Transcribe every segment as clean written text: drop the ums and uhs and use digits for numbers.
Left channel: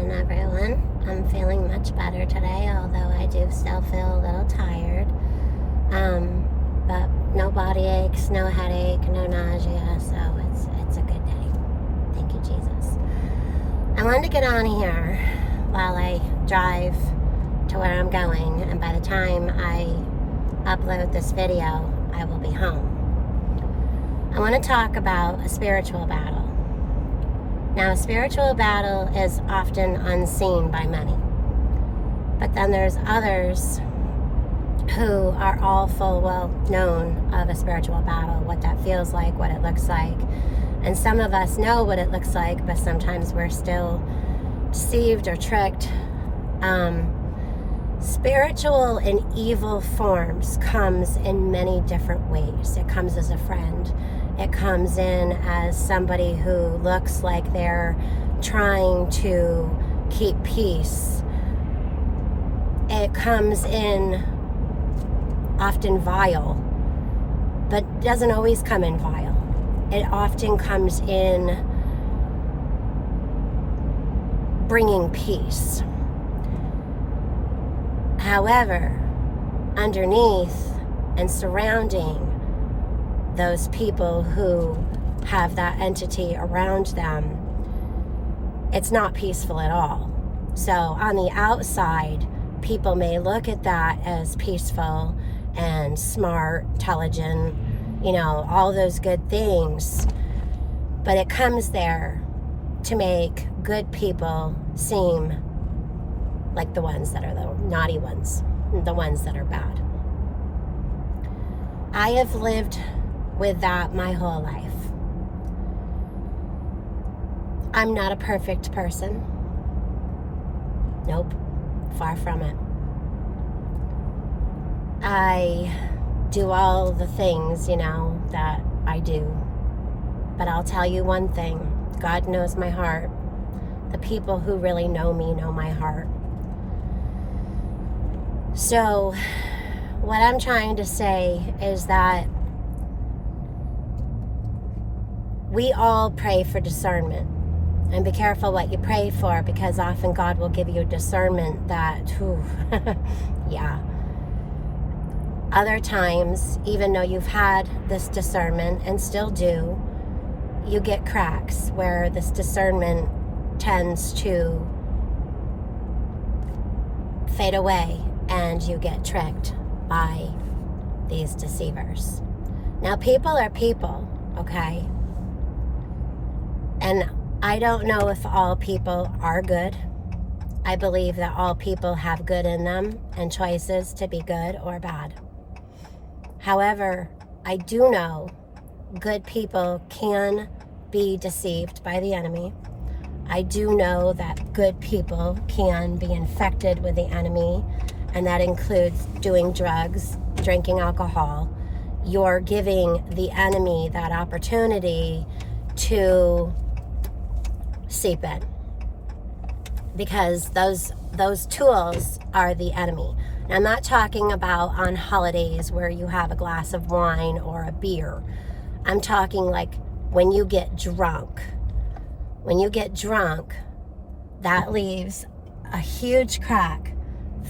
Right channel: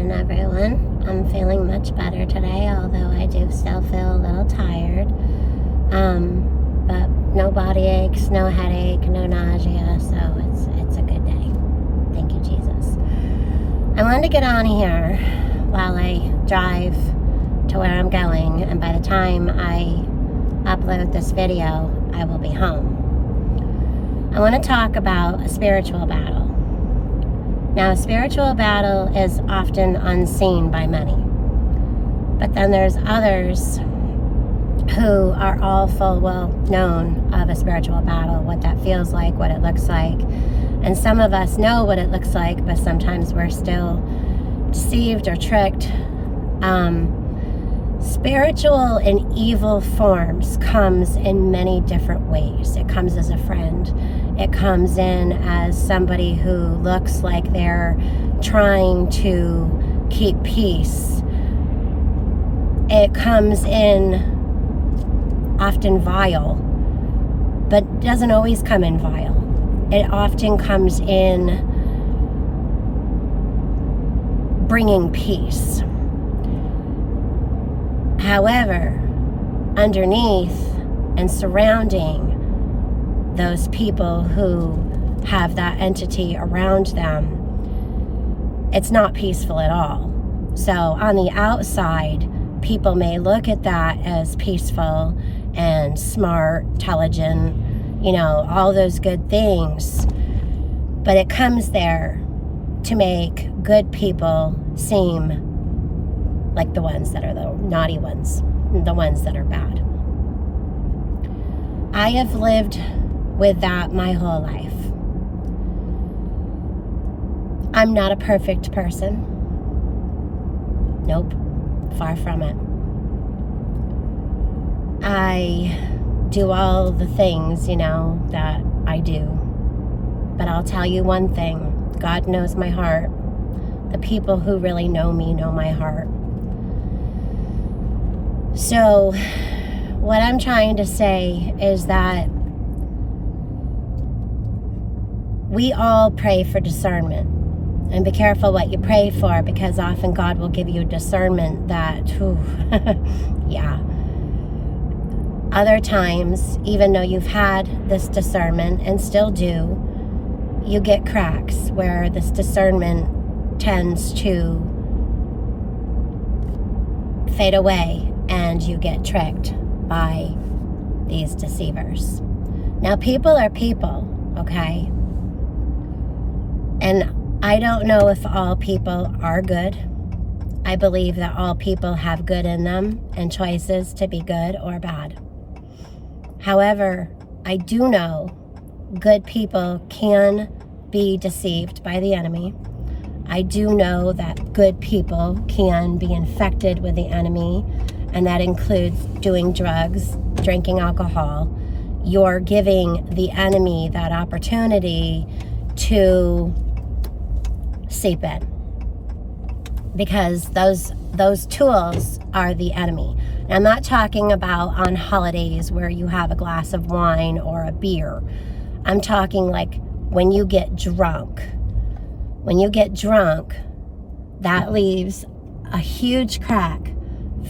afternoon, everyone. I'm feeling much better today, although I do still feel a little tired. But no body aches, no headache, no nausea, so it's a good day. Thank you, Jesus. I wanted to get on here while I drive to where I'm going, and by the time I upload this video, I will be home. I want to talk about a spiritual battle. Now, a spiritual battle is often unseen by many, but then there's others who are all full well known of a spiritual battle, what that feels like, what it looks like. And some of us know what it looks like, but sometimes we're still deceived or tricked. Spiritual in evil forms comes in many different ways. It comes as a friend. It comes in as somebody who looks like they're trying to keep peace. It comes in often vile, but doesn't always come in vile. It often comes in bringing peace. However, underneath and surrounding those people who have that entity around them, it's not peaceful at all. So on the outside, people may look at that as peaceful and smart, intelligent, all those good things. But it comes there to make good people seem like the ones that are the naughty ones, the ones that are bad. I have lived with that my whole life. I'm not a perfect person. Nope, far from it. I do all the things, that I do. But I'll tell you one thing, God knows my heart. The people who really know me know my heart. So, what I'm trying to say is that we all pray for discernment. And be careful what you pray for, because often God will give you discernment that, yeah. Other times, even though you've had this discernment and still do, you get cracks where this discernment tends to fade away and you get tricked by these deceivers. Now, people are people, okay? And I don't know if all people are good. I believe that all people have good in them and choices to be good or bad. However, I do know good people can be deceived by the enemy. I do know that good people can be infected with the enemy, and that includes doing drugs, drinking alcohol. You're giving the enemy that opportunity to seep in, because those tools are the enemy. Now, I'm not talking about on holidays where you have a glass of wine or a beer. I'm talking like when you get drunk. When you get drunk, that leaves a huge crack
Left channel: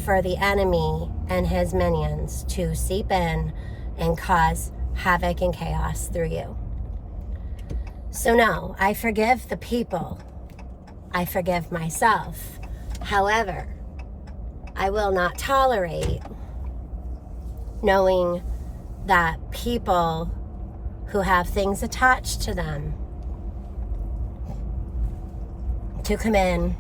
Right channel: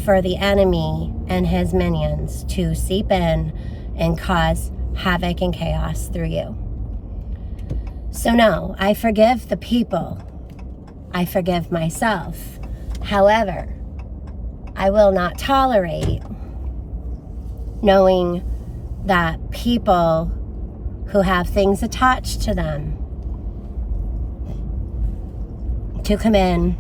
for the enemy and his minions to seep in and cause havoc and chaos through you. So no, I forgive the people. I forgive myself. However, I will not tolerate knowing that people who have things attached to them to come in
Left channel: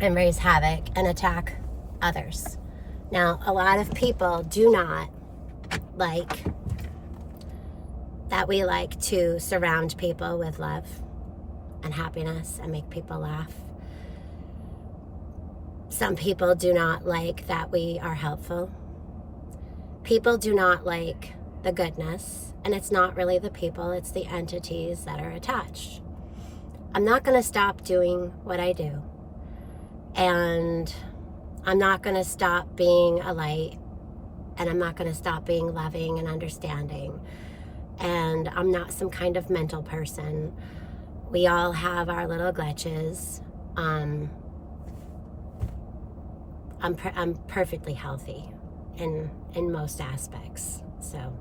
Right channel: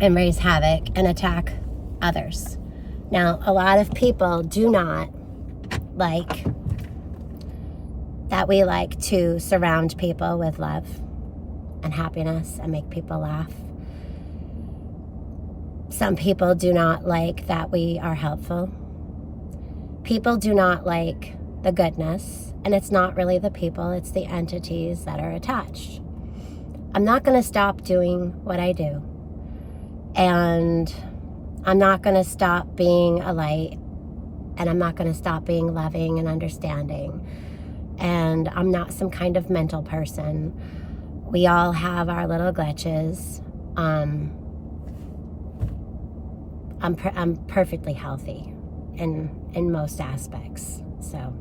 and raise havoc and attack others. Now, a lot of people do not like that we like to surround people with love and happiness and make people laugh. Some people do not like that we are helpful. People do not like the goodness, and it's not really the people, it's the entities that are attached. I'm not going to stop doing what I do, and I'm not going to stop being a light, and I'm not going to stop being loving and understanding, and I'm not some kind of mental person. We all have our little glitches. I'm perfectly healthy in most aspects. So,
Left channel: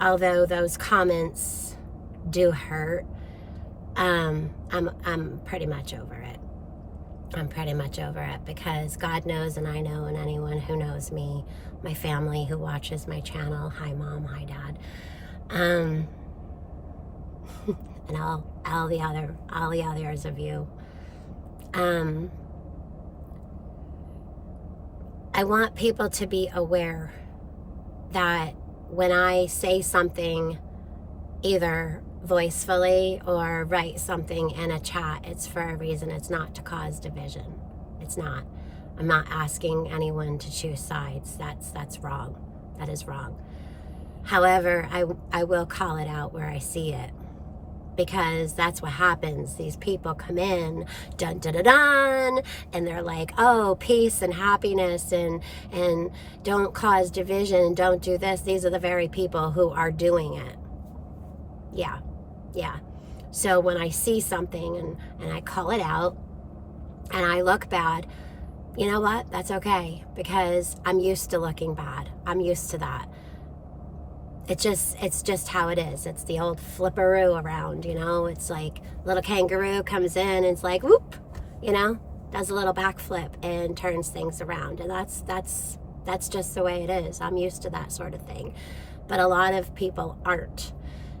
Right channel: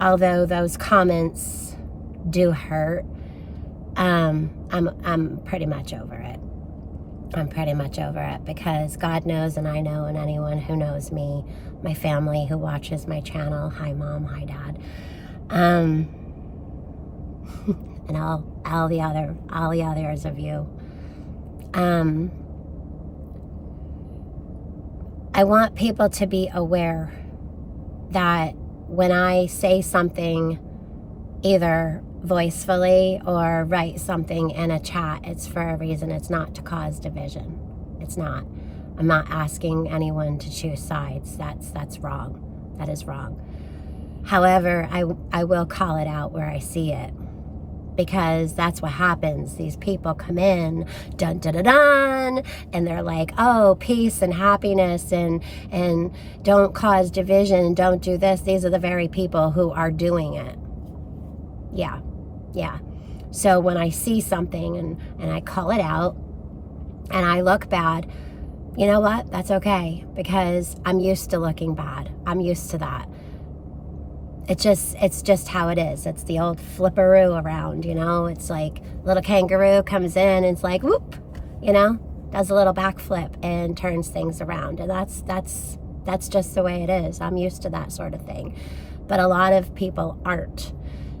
although those comments do hurt, I'm pretty much over it. I'm pretty much over it, because God knows, and I know, and anyone who knows me, my family who watches my channel, hi Mom, hi Dad, and all the others of you, I want people to be aware that when I say something, either voicefully or write something in a chat, it's for a reason. It's not to cause division. It's not. I'm not asking anyone to choose sides. That's wrong. That is wrong. However, I will call it out where I see it, because that's what happens. These people come in, dun dun dun dun, and they're like, oh, peace and happiness, and don't cause division, and don't do this. These are the very people who are doing it. Yeah. So when I see something and I call it out and I look bad, you know what? That's okay, because I'm used to looking bad. I'm used to that. It's just how it is. It's the old flipperoo around, you know? It's like little kangaroo comes in and it's like, whoop, you know, does a little backflip and turns things around. And that's just the way it is. I'm used to that sort of thing. But a lot of people aren't.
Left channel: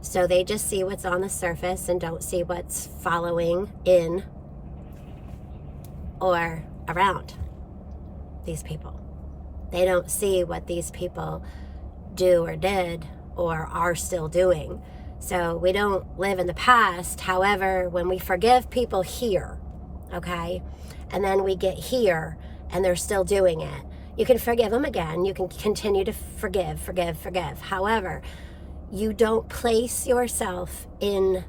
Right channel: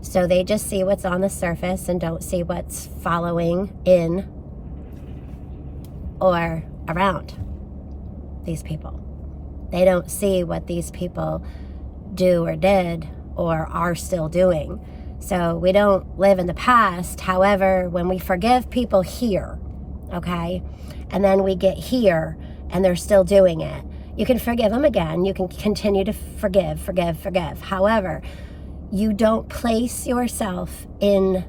So they just see what's on the surface and don't see what's following in or around these people. They don't see what these people do or did or are still doing. So we don't live in the past. However, when we forgive people here, okay, and then we get here and they're still doing it, you can forgive them again. You can continue to forgive. However, you don't place yourself in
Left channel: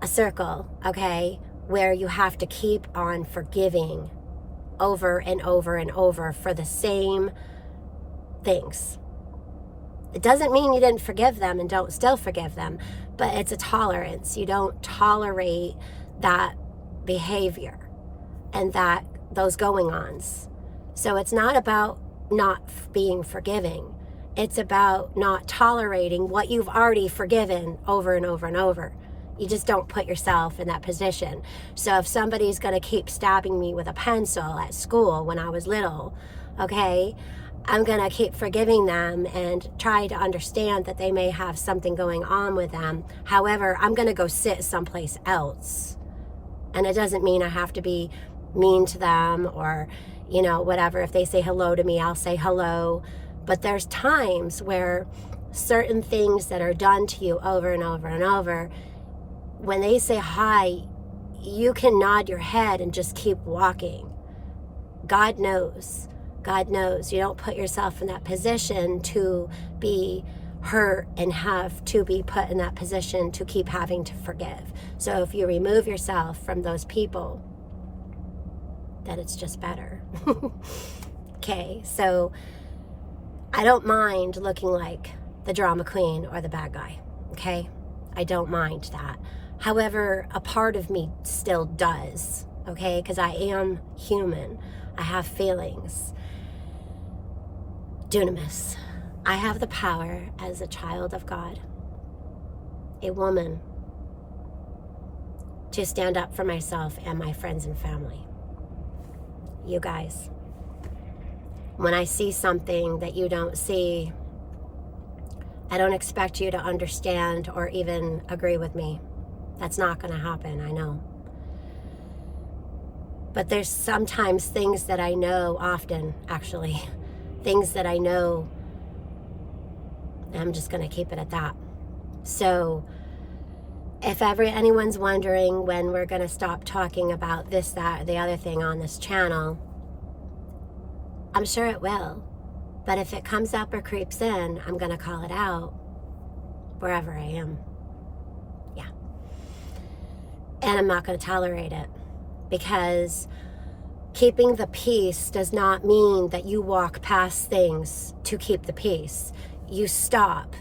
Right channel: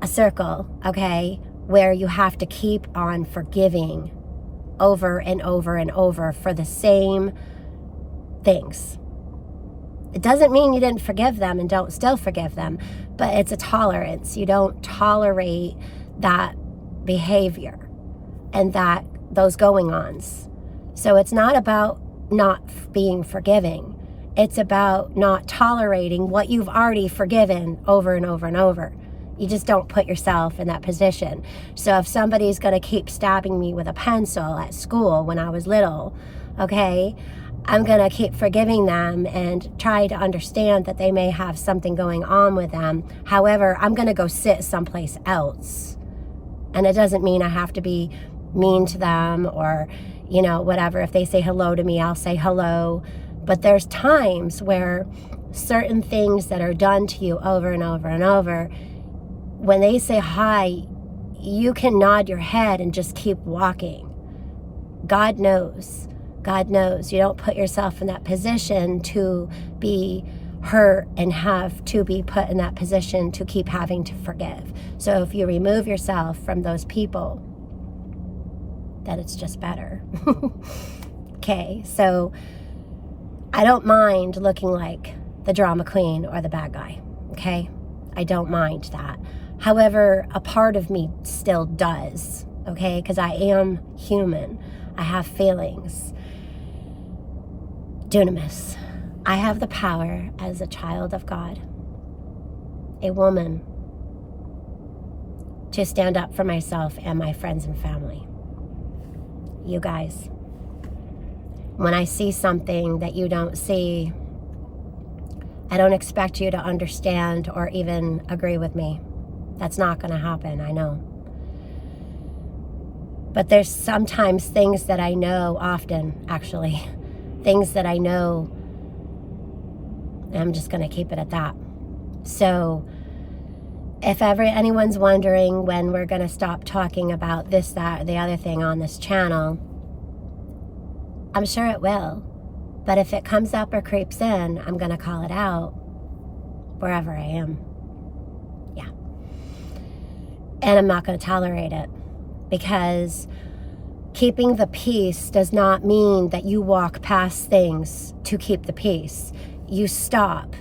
a circle, okay, where you have to keep on forgiving over and over and over for the same things. It doesn't mean you didn't forgive them and don't still forgive them, but it's a tolerance. You don't tolerate that behavior and those going-ons. So it's not about not being forgiving. It's about not tolerating what you've already forgiven over and over and over. You just don't put yourself in that position. So if somebody's going to keep stabbing me with a pencil at school when I was little, okay, I'm going to keep forgiving them and try to understand that they may have something going on with them. However, I'm going to go sit someplace else. And it doesn't mean I have to be mean to them or, you know, whatever. If they say hello to me, I'll say hello. But there's times where certain things that are done to you over and over and over, when they say hi, you can nod your head and just keep walking. God knows. God knows. You don't put yourself in that position to be hurt and have to be put in that position to keep having to forgive. So if you remove yourself from those people, then it's just better. Okay, so I don't mind looking like the drama queen or the bad guy, okay? I don't mind that. However, a part of me still does, okay? Because I am human. I have feelings. Dunamis. I have the power as a child of God, a woman, to stand up for myself and my friends and family. You guys. When I see something that you don't see, I don't expect you to understand or even agree with me. That's not going to happen, I know. But there's sometimes things that I know, often actually, things that I know, and I'm just going to keep it at that. So if ever anyone's wondering when we're going to stop talking about this, that, or the other thing on this channel, I'm sure it will. But if it comes up or creeps in, I'm going to call it out wherever I am. Yeah. And I'm not going to tolerate it, because keeping the peace does not mean that you walk past things to keep the peace. You stop.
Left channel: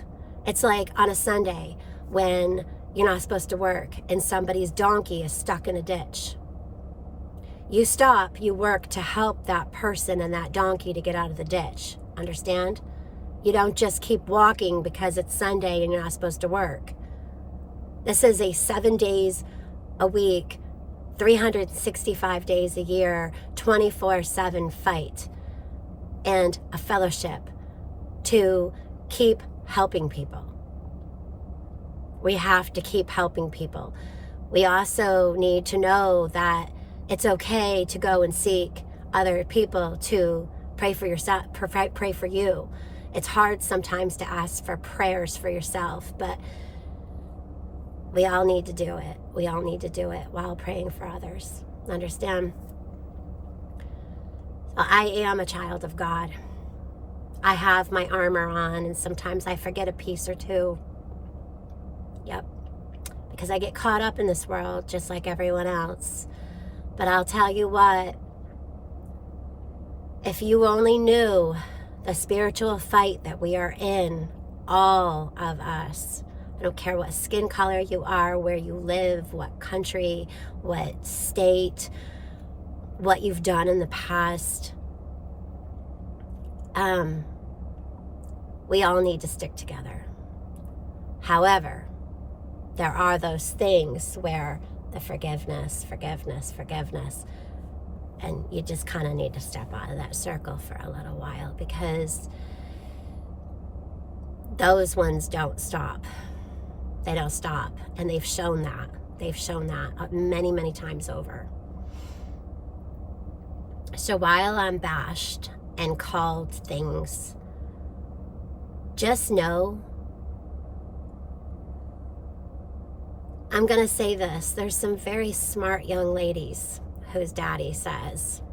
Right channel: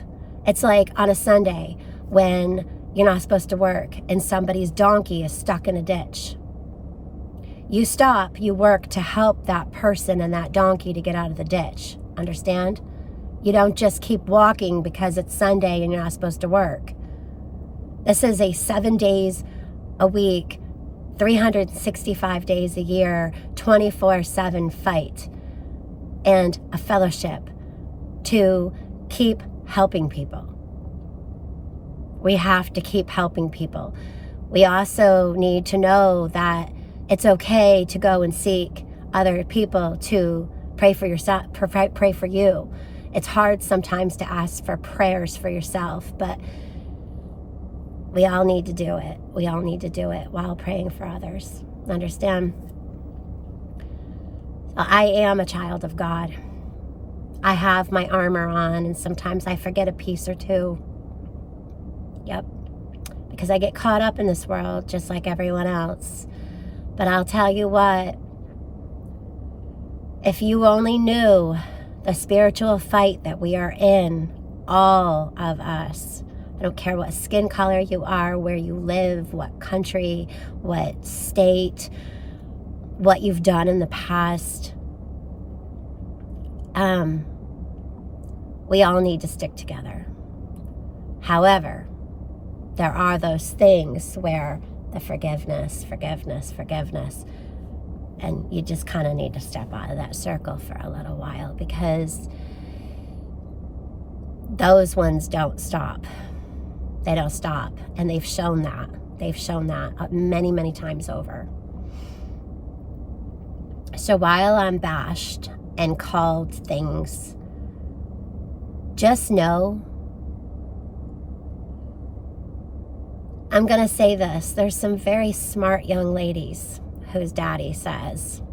It's like on a Sunday when you're not supposed to work and somebody's donkey is stuck in a ditch. You stop, you work to help that person and that donkey to get out of the ditch. Understand? You don't just keep walking because it's Sunday and you're not supposed to work. This is a 7 days a week, 365 days a year, 24/7 fight and a fellowship to keep helping people. We have to keep helping people. We also need to know that it's okay to go and seek other people to pray for yourself, pray for you. It's hard sometimes to ask for prayers for yourself, but we all need to do it. We all need to do it while praying for others. Understand? So I am a child of God. I have my armor on, and sometimes I forget a piece or two. Yep. Because I get caught up in this world just like everyone else. But I'll tell you what, if you only knew the spiritual fight that we are in, all of us, I don't care what skin color you are, where you live, what country, what state, what you've done in the past, we all need to stick together. However, there are those things where the forgiveness, and you just kind of need to step out of that circle for a little while, because those ones don't stop. They don't stop, and they've shown that. They've shown that many, many times over. So while I'm bashed and called things, just know, I'm going to say this. There's some very smart young ladies whose daddy says,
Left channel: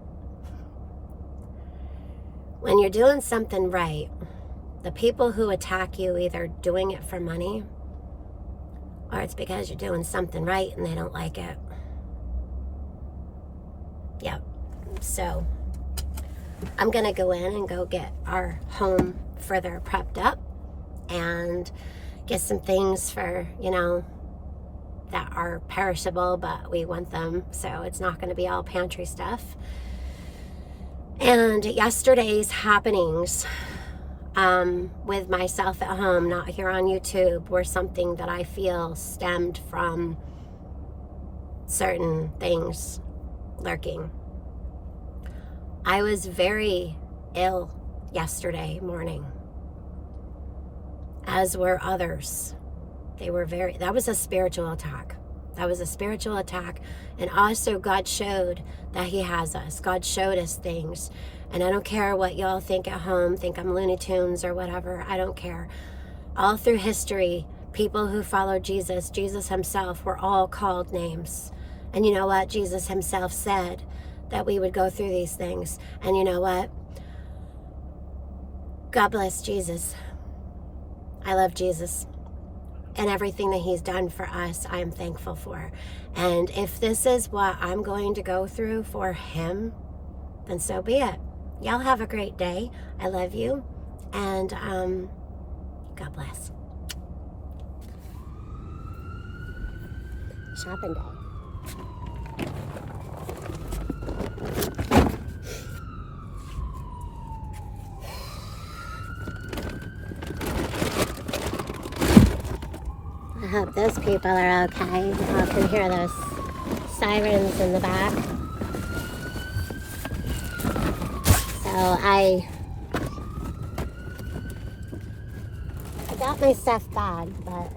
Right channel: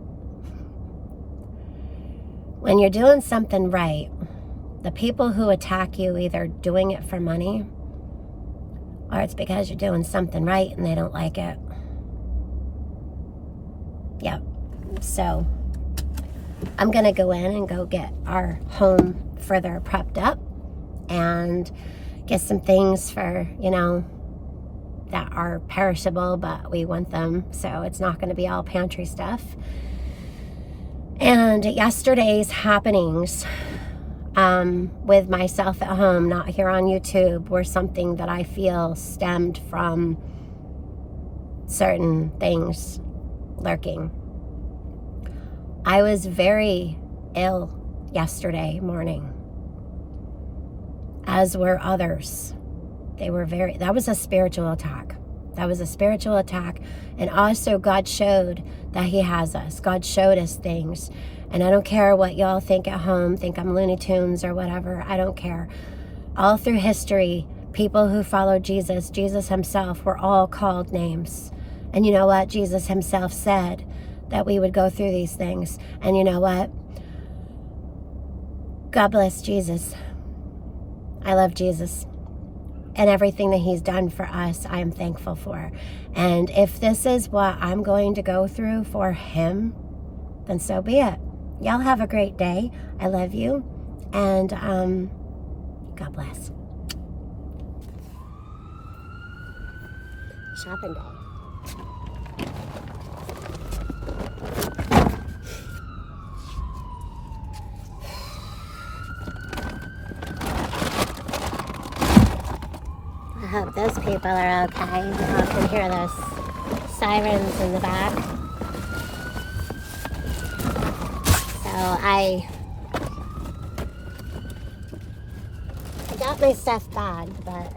when you're doing something right, the people who attack you either doing it for money or it's because you're doing something right and they don't like it. Yep. So I'm going to go in and go get our home further prepped up and get some things for, that are perishable, but we want them, so it's not going to be all pantry stuff. And yesterday's happenings with myself at home, not here on YouTube, were something that I feel stemmed from certain things lurking. I was very ill yesterday morning, as were others. That was a spiritual attack. That was a spiritual attack. And also God showed that he has us. God showed us things. And I don't care what y'all think at home, think I'm Looney Tunes or whatever. I don't care. All through history, people who followed Jesus, Jesus himself, were all called names. And you know what? Jesus himself said that we would go through these things. And you know what? God bless Jesus. I love Jesus. And everything that he's done for us, I am thankful for. And if this is what I'm going to go through for him, then so be it. Y'all have a great day. I love you. And God bless. Shopping day. I hope those people are okay. I can hear those sirens in the back. So I got my stuff bagged, but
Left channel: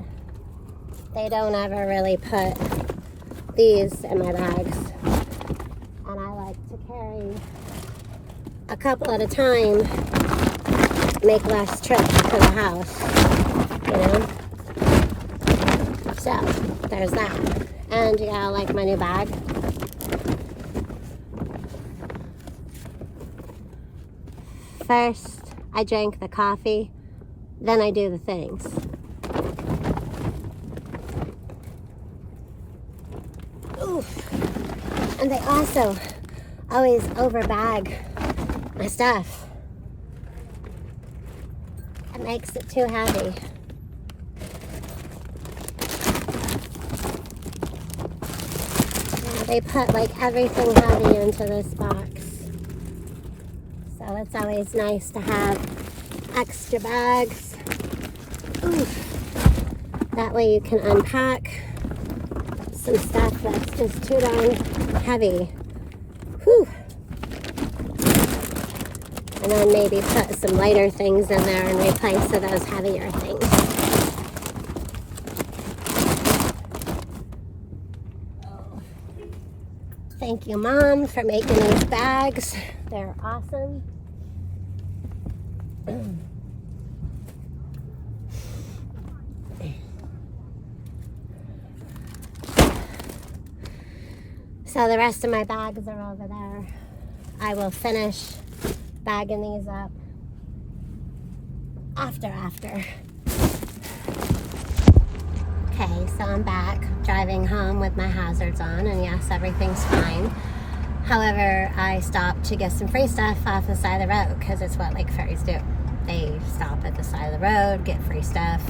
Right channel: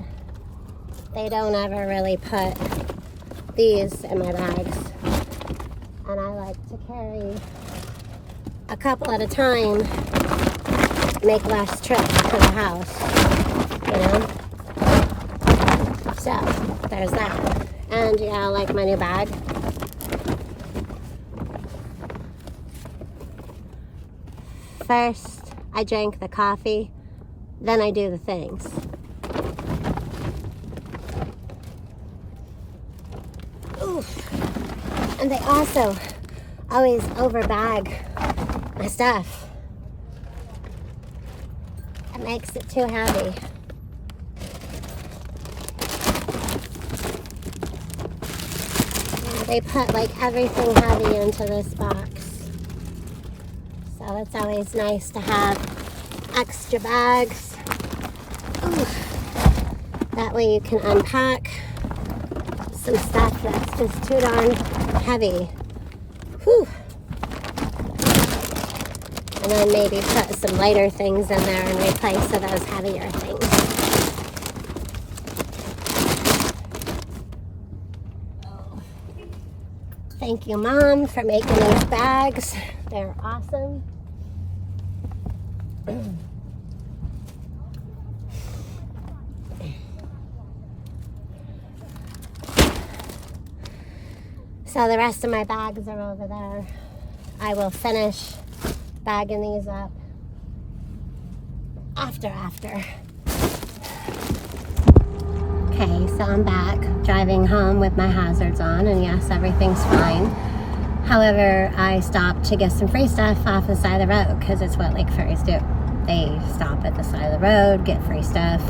they don't ever really put these in my bags. And I like to carry a couple at a time, make less trips to the house, So, there's that. And yeah, I like my new bag. First, I drank the coffee, then I do the things. Oof. And they also always overbag my stuff. It makes it too heavy. They put like everything heavy into this box. So it's always nice to have extra bags. That way you can unpack some stuff that's just too darn heavy. Whew. And then maybe put some lighter things in there and replace those heavier things. Oh. Thank you, Mom, for making these bags. They're awesome. So the rest of my bags are over there. I will finish bagging these up after. Okay, so I'm back driving home with my hazards on, and yes, everything's fine. However, I stopped to get some free stuff off the side of the road, because it's what Lake Ferries do. They stop at the side of the road, get free stuff,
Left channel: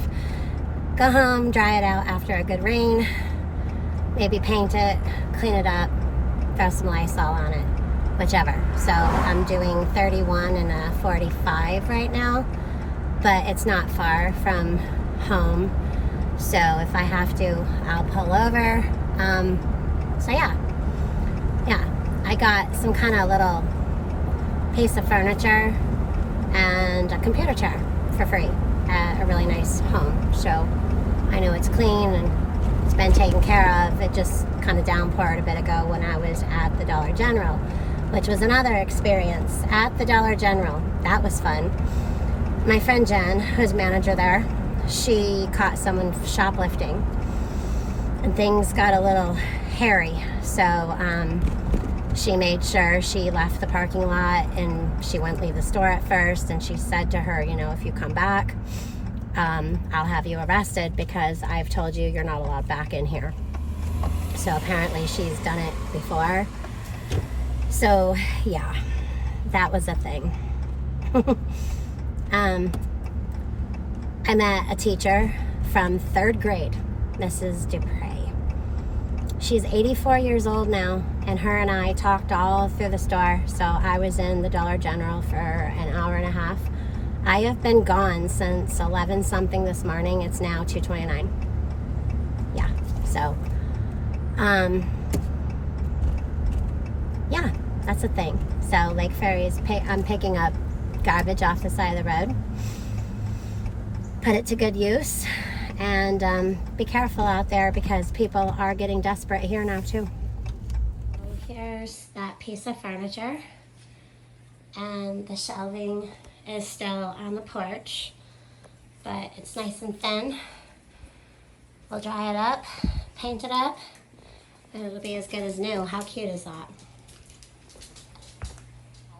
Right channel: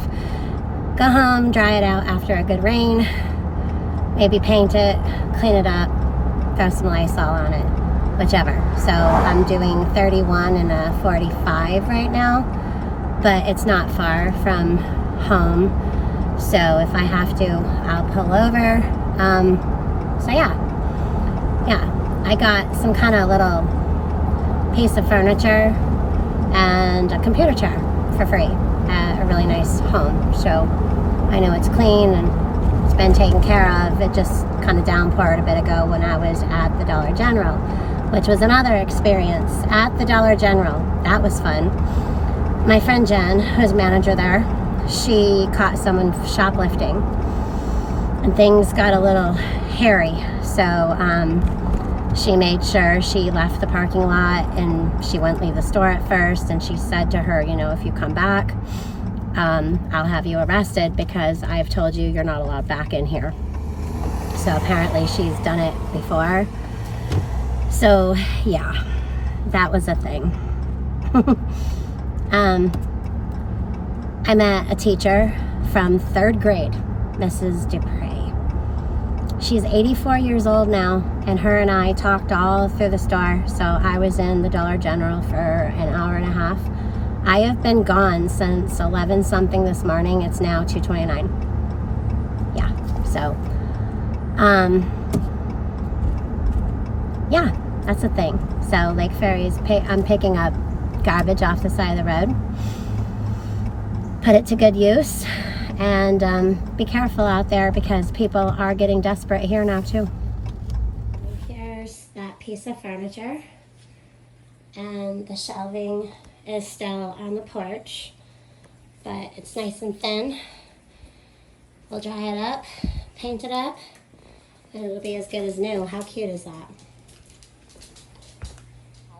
go home, dry it out after a good rain, maybe paint it, clean it up, throw some Lysol on it, whichever. So I'm doing 31 and a 45 right now, but it's not far from home. So if I have to, I'll pull over. So yeah, I got some kind of little piece of furniture and a computer chair for free at a really nice home. So I know it's clean and it's been taken care of. It just kind of downpoured a bit ago when I was at the Dollar General, which was another experience at the Dollar General. That was fun. My friend Jen, who's manager there, she caught someone shoplifting and things got a little hairy. So she made sure she left the parking lot, and she wouldn't leave the store at first, and she said to her, you know, if you come back, I'll have you arrested because I've told you you're not allowed back in here. So apparently she's done it before. So yeah, that was a thing. I met a teacher from 3rd grade, Mrs. Dupre. She's 84 years old now, and her and I talked all through the store. So I was in the Dollar General for an hour and a half. I have been gone since 11 something this morning. It's now 2:29. Yeah, so yeah, that's a thing. So Lake Ferries, I'm picking up garbage off the side of the road, put it to good use, and be careful out there because people are getting desperate here now too. Here's that piece of furniture, and the shelving is still on the porch, but it's nice and thin. We'll dry it up, paint it up, and it'll be as good as new. How cute is that?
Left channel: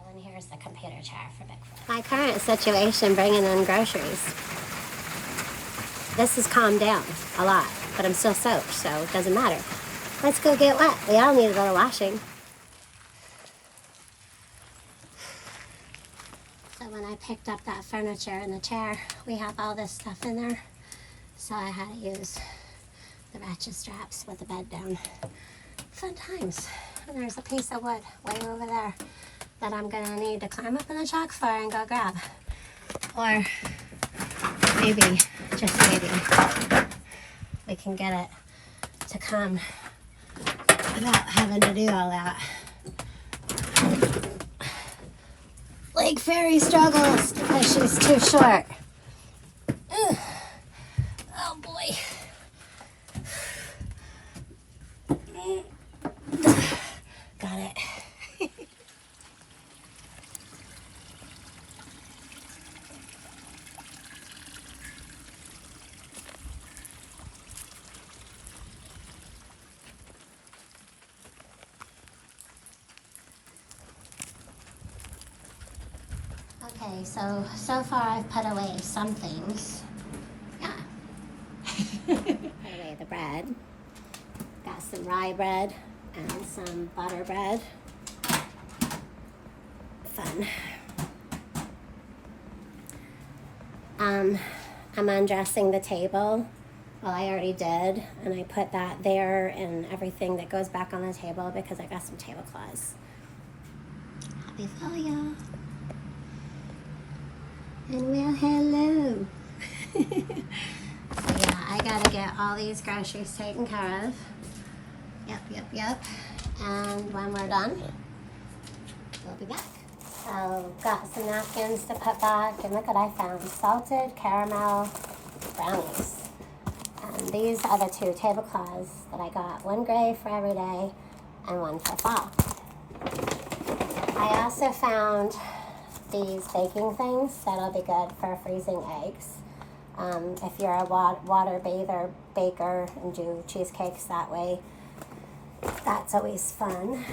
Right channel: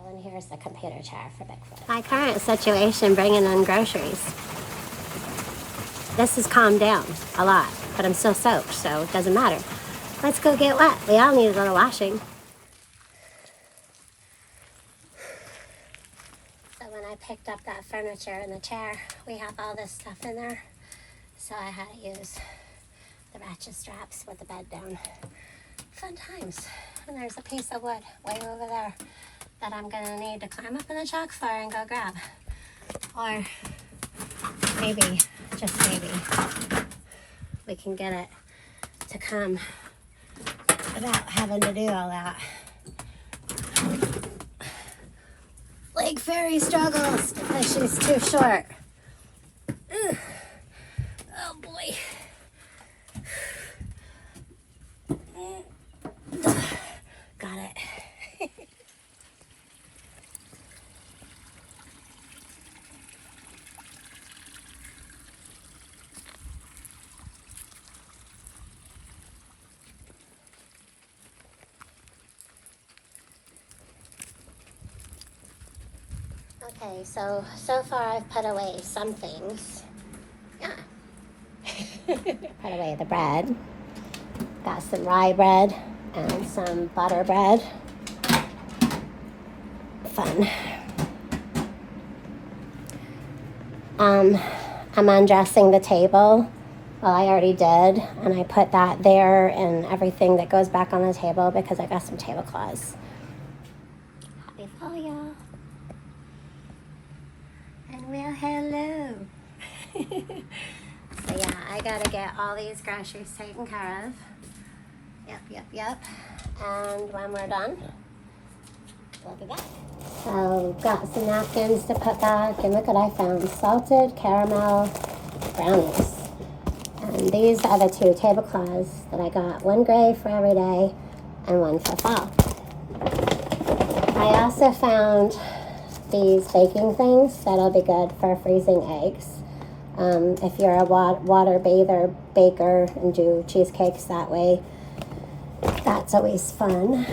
And here's the computer chair for Bigfoot. My current situation, bringing in groceries. This has calmed down a lot, but I'm still soaked, so it doesn't matter. Let's go get wet. We all need a little washing. So when I picked up that furniture and the chair, we have all this stuff in there. So I had to use the ratchet straps with the bed down. Fun times. And there's a piece of wood way over there that I'm gonna need to climb up in the chalk for and go grab. Or maybe, just maybe, we can get it to come without having to do all that. Lake Ferry struggles because she's too short. Ugh. Oh boy. Got it. Okay, so far I've put away some things. Yeah. Put away the bread. Got some rye bread and some butter bread. Fun. I'm undressing the table Well, I already did, and I put that there and everything that goes back on the table because I got some tablecloths. Happy Thalia. And well, hello. So yeah, I gotta get all these groceries taken care of. Yep. And when we're done, we'll be back. So got some napkins to put back, and look what I found. Salted caramel brownies. And these are the 2 tablecloths that I got. One gray for every day and one for fall. I also found these baking things that'll be good for freezing eggs. If you're a water bather, baker, and do cheesecakes that way, that's always fun.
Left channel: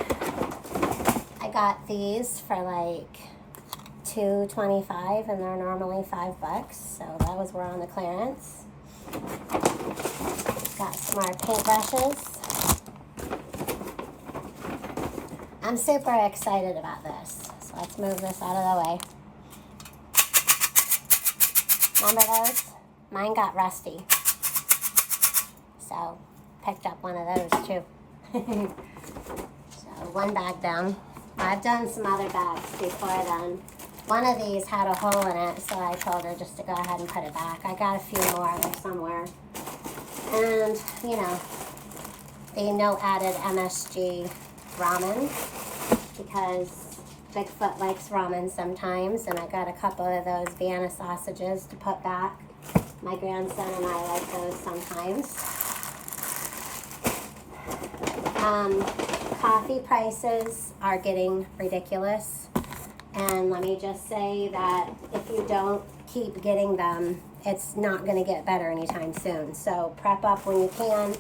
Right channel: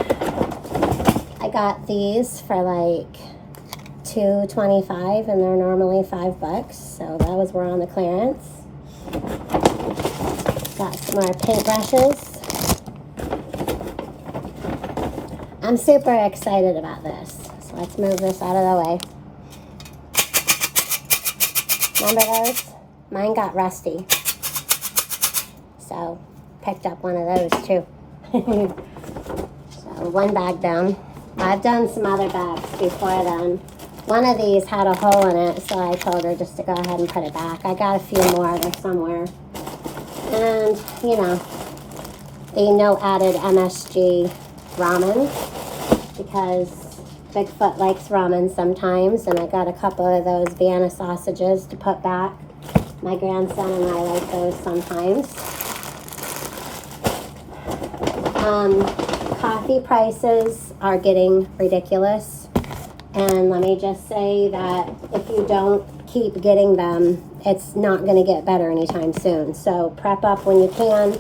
I got these for like $2.25 and they're normally $5, so those were on the clearance. Got some more paintbrushes. I'm super excited about this, so let's move this out of the way. Remember those? Mine got rusty, so picked up one of those too. So 1 bag down. I've done some other bags before then. One of these had a hole in it, so I told her just to go ahead and put it back. I got a few more there somewhere. And, you know, the no added MSG ramen, because Bigfoot likes ramen sometimes, and I got a couple of those Vienna sausages to put back. My grandson and I like those sometimes. Coffee prices are getting ridiculous, and let me just say that if you don't keep getting them, it's not going to get better anytime soon. So prep up when you can.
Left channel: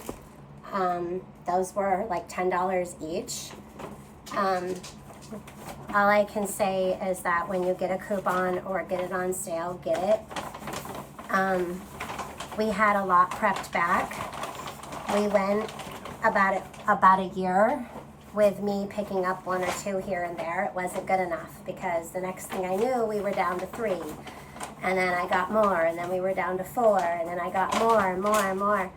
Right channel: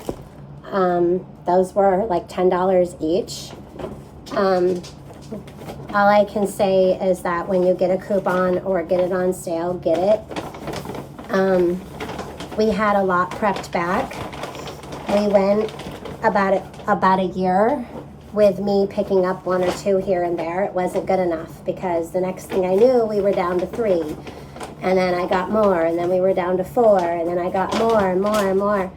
Those were like $10 each. All I can say is that when you get a coupon or get it on sale, get it. We had a lot prepped back. We went about a year with me picking up 1 or 2 here and there. It wasn't good enough because the next thing I knew, we were down to 3. And then I got more, and then we were down to 4, and then I got more and more and more.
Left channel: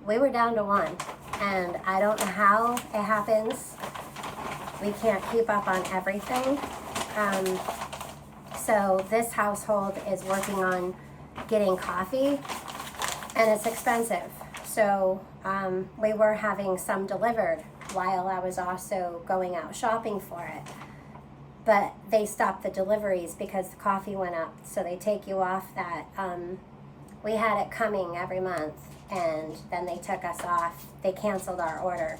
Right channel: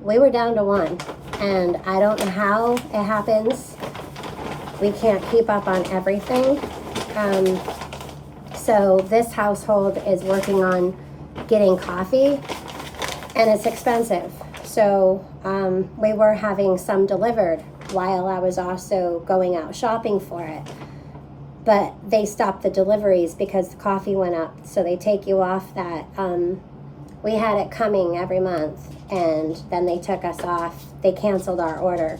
We were down to 1, and I don't know how it happens. We can't keep up on everything. So this household is working on getting coffee, and it's expensive. So we were having some delivered while I was also going out shopping for it. But they stopped the deliveries because the coffee went up. So they take you off that. We had it coming every month, and then they took us off. They canceled our order.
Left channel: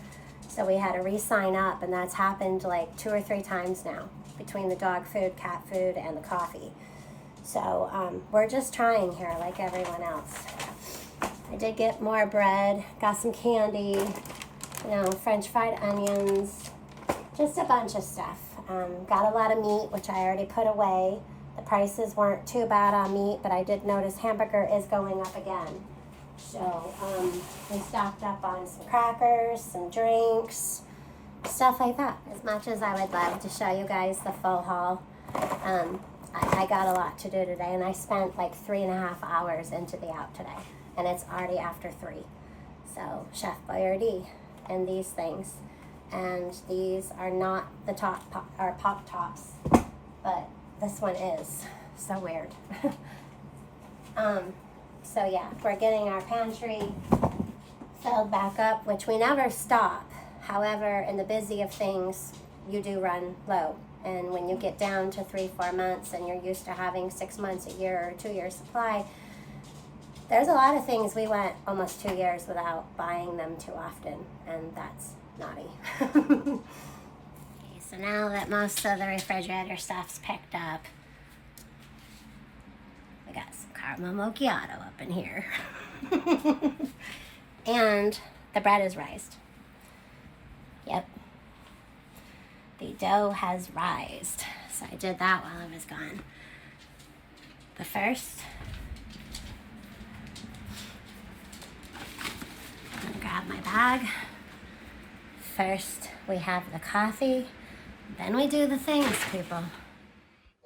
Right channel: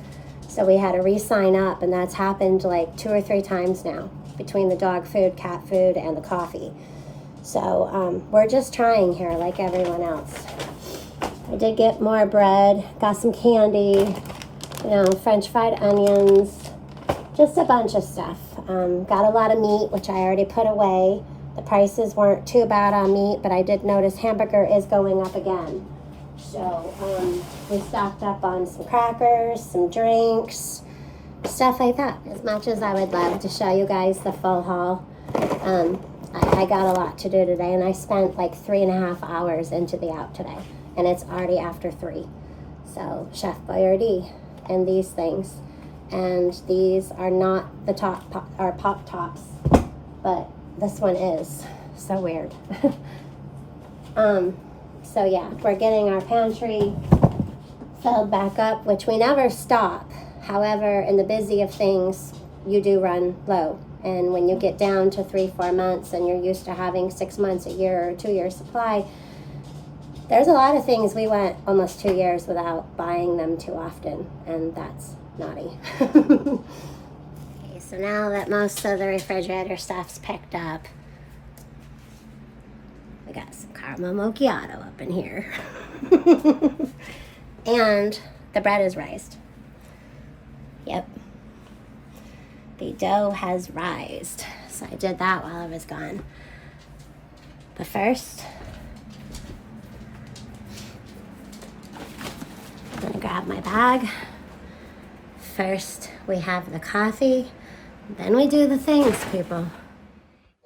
So we had to re-sign up, and that's happened like 2 or 3 times now between the dog food, cat food, and the coffee. So we're just trying here like everyone else. I did get more bread, got some candy, you know, French fried onions, just a bunch of stuff. Got a lot of meat, which I already put away. The prices weren't too bad on meat, but I did notice hamburger is going up again. So we stocked up on some crackers, some drinks, stuff like that. As much as I would love to show you guys the full haul, I got a lot to do today, and I spent like 3.5 hours into the out today, and it's already after 3. So Chef Boyardee and these things. And these are not the pop tops, but this one is. So weird. So yeah, we're getting our pantry filled back up, which we never stop. However, in the busy of things, you do run low. And when you get down to 3-4 months and you're used to having 6 months, a year, or 2 year supply, there's a lot of things we went almost 2 years without buying them too often, and that's naughty. Okay, so now that most of the refrigerator stuff's picked up, we got some caramel macchiato up in here. And the bread is rised. Yep. The dough has rised. So I did that while I was gone. But first, I'm gonna grab my bag. First, we have the coffee, then we do the things, people.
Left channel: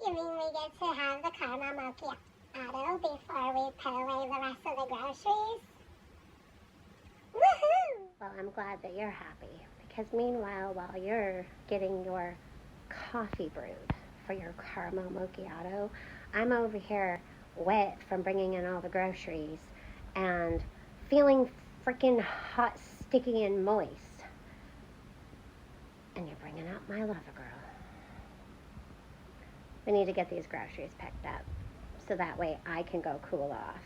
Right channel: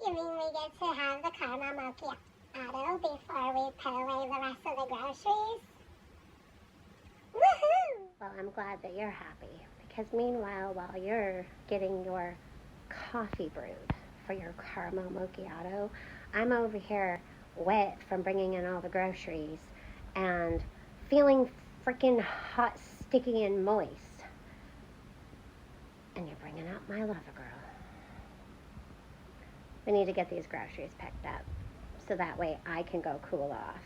You mean we get to have the caramel macchiato before we put away the rest of the groceries? Woohoo! Well, I'm glad that you're happy, because meanwhile, while you're getting your coffee brewed for your caramel macchiato, I'm over here wet from bringing in all the groceries and feeling freaking hot, sticky, and moist. And you're bringing out my lover girl. We need to get these groceries picked up so that way I can go cool off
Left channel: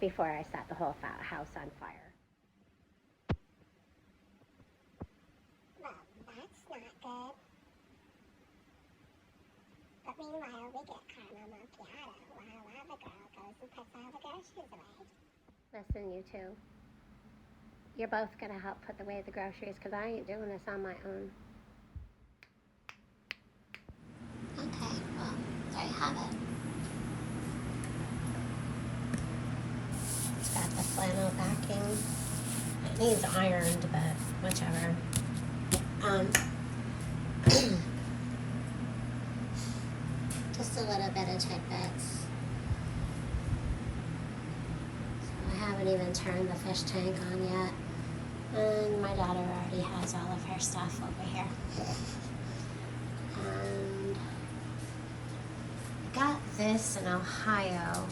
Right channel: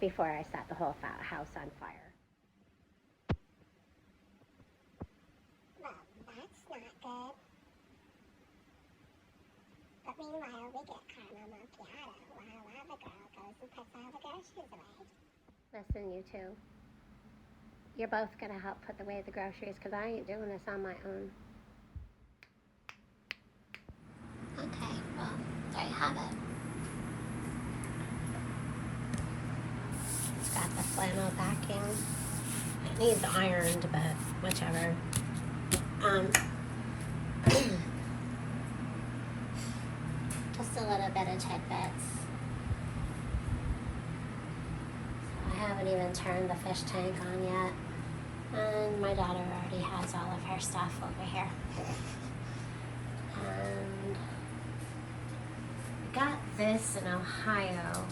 before I set the whole house on fire. Well, that's not good. But meanwhile, we get caramel macchiato while Lava Girl goes and puts all the groceries away. Listen, you two. You're both going to help put away the groceries because I ain't doing this on my own. Okay, well, there you have it. It's got the flannel backing. It needs ironed, but whichever. Just a little bit of tidbits. So I haven't even turned the fish tank on yet. And my daughter already has all of her stuff over here. And I got this in Ohio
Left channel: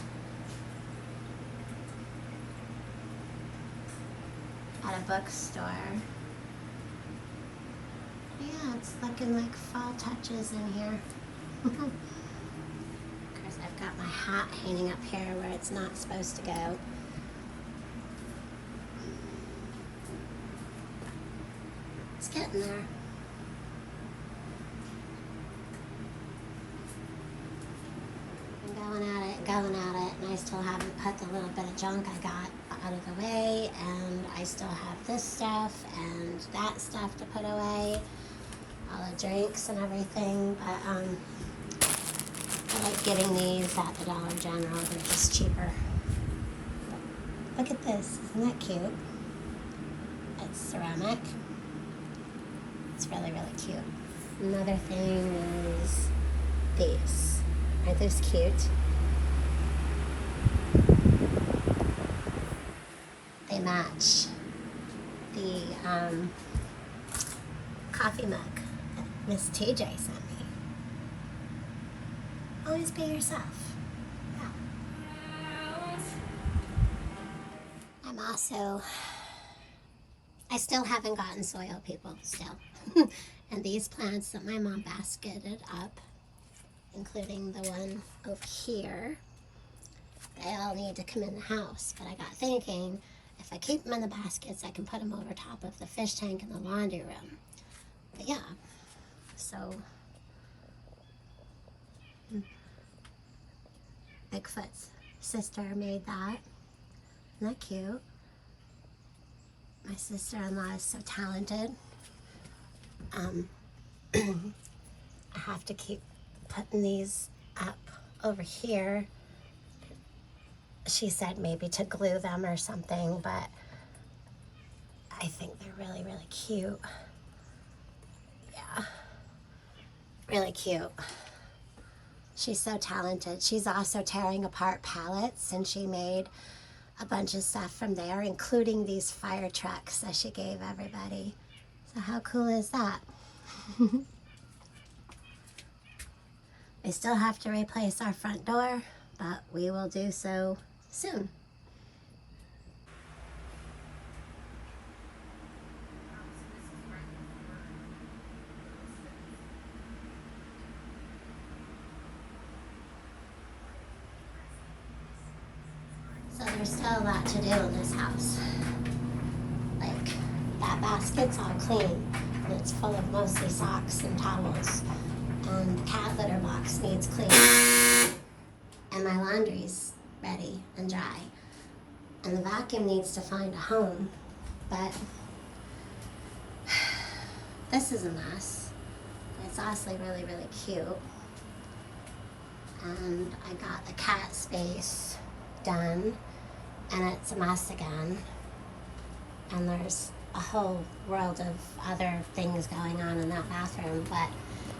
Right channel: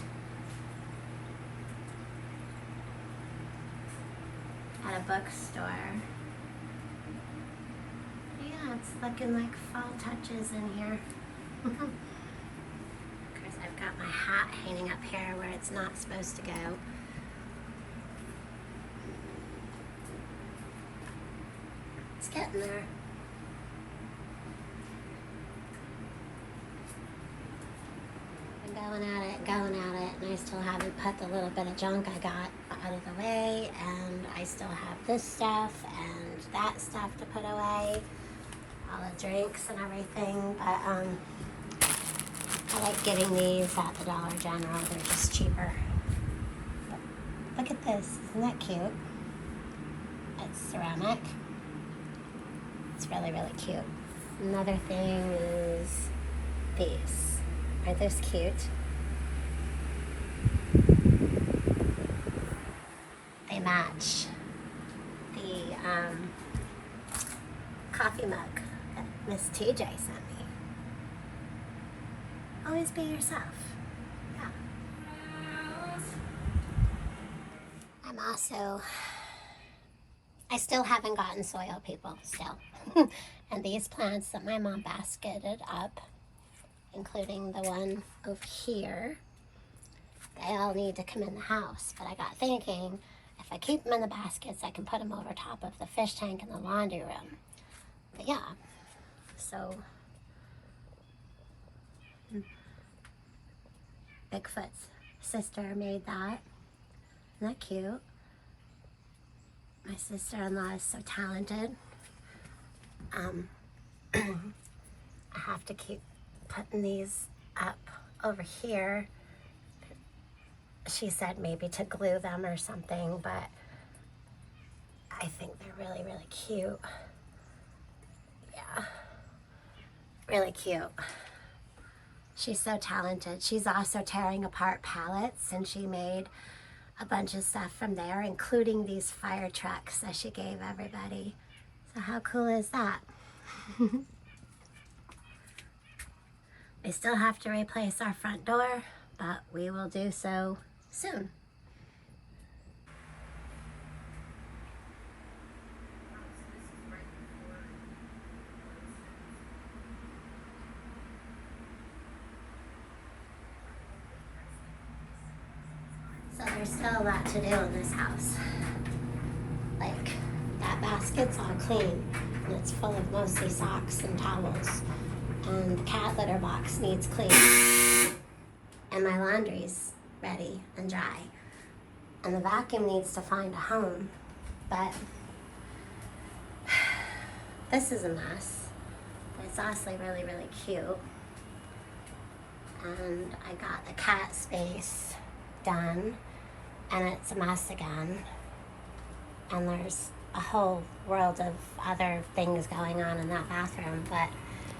at a bookstore. Yeah, it's looking like fall touches in here. Of course, I've got my hat hanging up here where it's not supposed to go. It's getting there. I'm going at it, and I still haven't put the little bit of junk I got out of the way, and I still have this stuff and that stuff to put away, all the drinks and everything, but I like getting these at the Dollar General. They're just cheaper. But look at this. Isn't that cute? It's ceramic. It's really, really cute. Another thing is these. Aren't those cute? They match the coffee mug that Miss TJ sent me. Always be yourself. Yeah. I still haven't gotten soil, people, still. And these plants that my mom basketed up, including the one over here, they all need to come in the house. But I got thinking, if I keep them in the baskets, I can put them over top of the fish tank in the laundry room. But yeah, so Bigfoot's sister made that. Isn't that cute? My sister-in-law is so talented. I have to keep putting these up over here. She said maybe to glue them or something, but I think they're really, really cute. Yeah, really cute. She's so talented. She's also tearing apart pallets, and she made a bunch of stuff from there, including these fire trucks that she gave everybody. So how cool is that? We still have to replace our front door, but we will do so soon. So there's still a lot to do in this house. Like, that basket's all clean, and it's full of mostly socks and towels. And the cat litter box needs cleaning. And my laundry's ready and dry. And the vacuum needs to find a home. But this is a mess. It's honestly really, really cute. And I got the cat space done, and it's a mess again. And there's a whole world of other things going on in that bathroom. But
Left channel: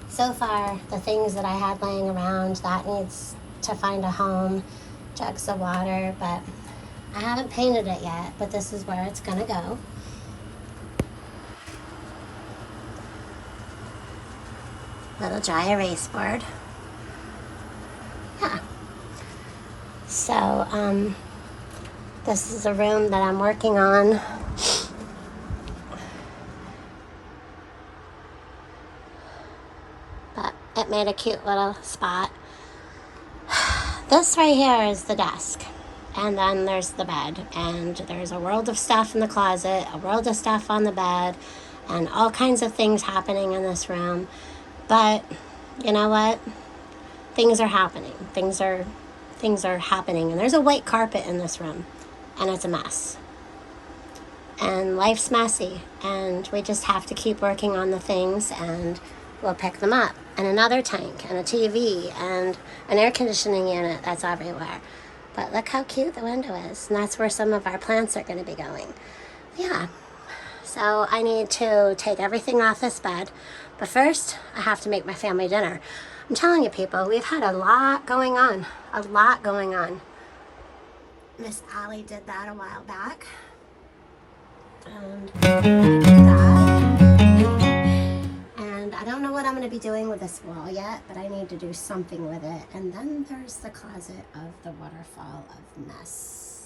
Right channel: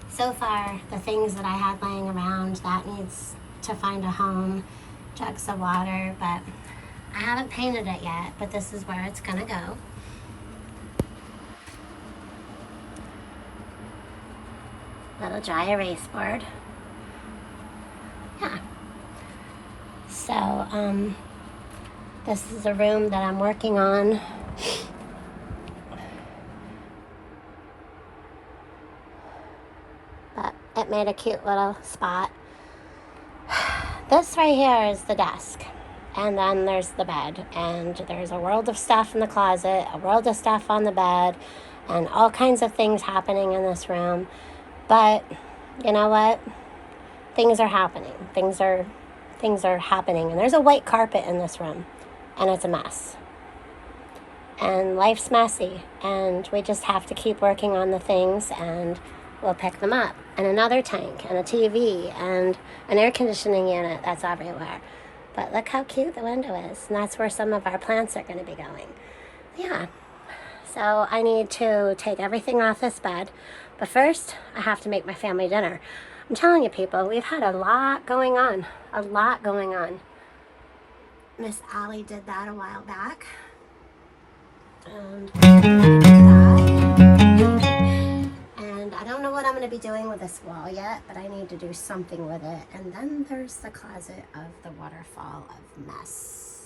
so far, the things that I had laying around, that needs to find a home, jugs of water, but I haven't painted it yet, but this is where it's gonna go. Little dry erase board. Yeah. So, this is a room that I'm working on. But it made a cute little spot. This right here is the desk. And then there's the bed. And there's a world of stuff in the closet, a world of stuff on the bed, and all kinds of things happening in this room. But you know what? Things are happening. Things are happening. And there's a white carpet in this room. And it's a mess. And life's messy. And we just have to keep working on the things, and we'll pick them up. And another tank, and a TV, and an air conditioning unit that's everywhere. But look how cute the window is. And that's where some of our plants are going to be going. Yeah. So I need to take everything off this bed. But first, I have to make my family dinner. I'm telling you, people, we've had a lot going on. A lot going on. Miss Allie did that a while back. And and I don't know what I'm going to be doing with this wall yet, but I need to do something with it. And then there's the closet of the waterfall of mess.